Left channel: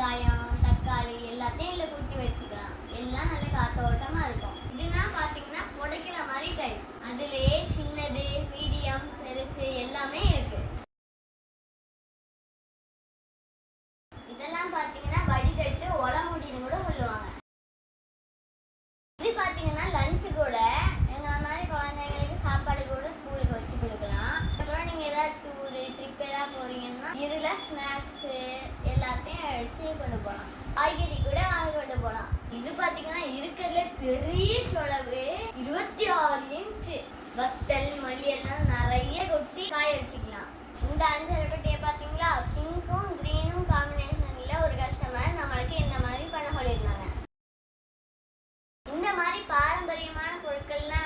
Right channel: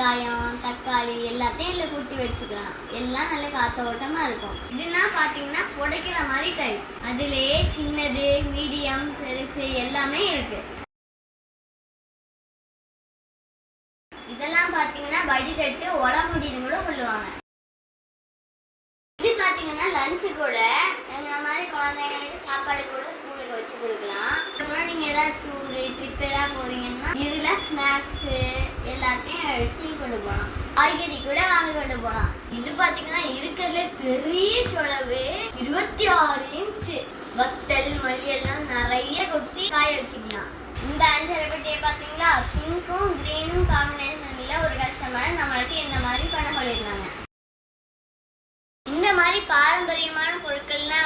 வெங்காயம், தக்காளி எல்லாத்தையும் இதில் கூட்டி வச்சுக்கலாம். எல்லாம் நல்ல காத்தோட்டமாக இருக்கும். இதுனா பார்த்தீங்கன்னா புடைக்கிற மாதிரி டைப். அதுலேயே சின்னது, மீடியம், பெருசு எல்லாமே இருக்கு. இதெல்லாம் பார்த்தீங்கன்னா வடிதட்டு உளமுடின்னு கூட சொல்லுவாங்க. இது பார்த்தீங்கன்னா லஞ்சு கூட எங்கள் மாதிரி குழந்தைங்களுக்கு சாப்பாடு கூட ஸ்கூலுக்கு வச்சு கொடுக்கலாம். அதுக்கப்புறம் நீங்கள் ஏதாவது டூரு ட்ரிப் ஏதாவது போகிறீங்கன்னா இதில் ஸ்நாக்ஸு எல்லாத்தையும் அடிச்சு கொண்டு போகலாம். காய்கறி கூட வாங்கி கொண்டு போகலாம். இது பார்த்தீங்கன்னா இருக்கிறதுல பெரிய சொலவு 26 இன்ச்சு. வத்தல் மல்லி எல்லாம் நிறைய கொட்டி காய வச்சுக்கலாம். இந்த 5 பெட்டியை பார்த்தீங்களா, பிங்க்கும் கிரீனும் காம்பினேஷனில் ஒரு கஸ்டமர் நம்மளுக்கு இந்த மாதிரி பண்ண சொல்லியிருந்தாங்க. இந்த மாதிரி பாரம்பரியமான பொருட்கள்லாம்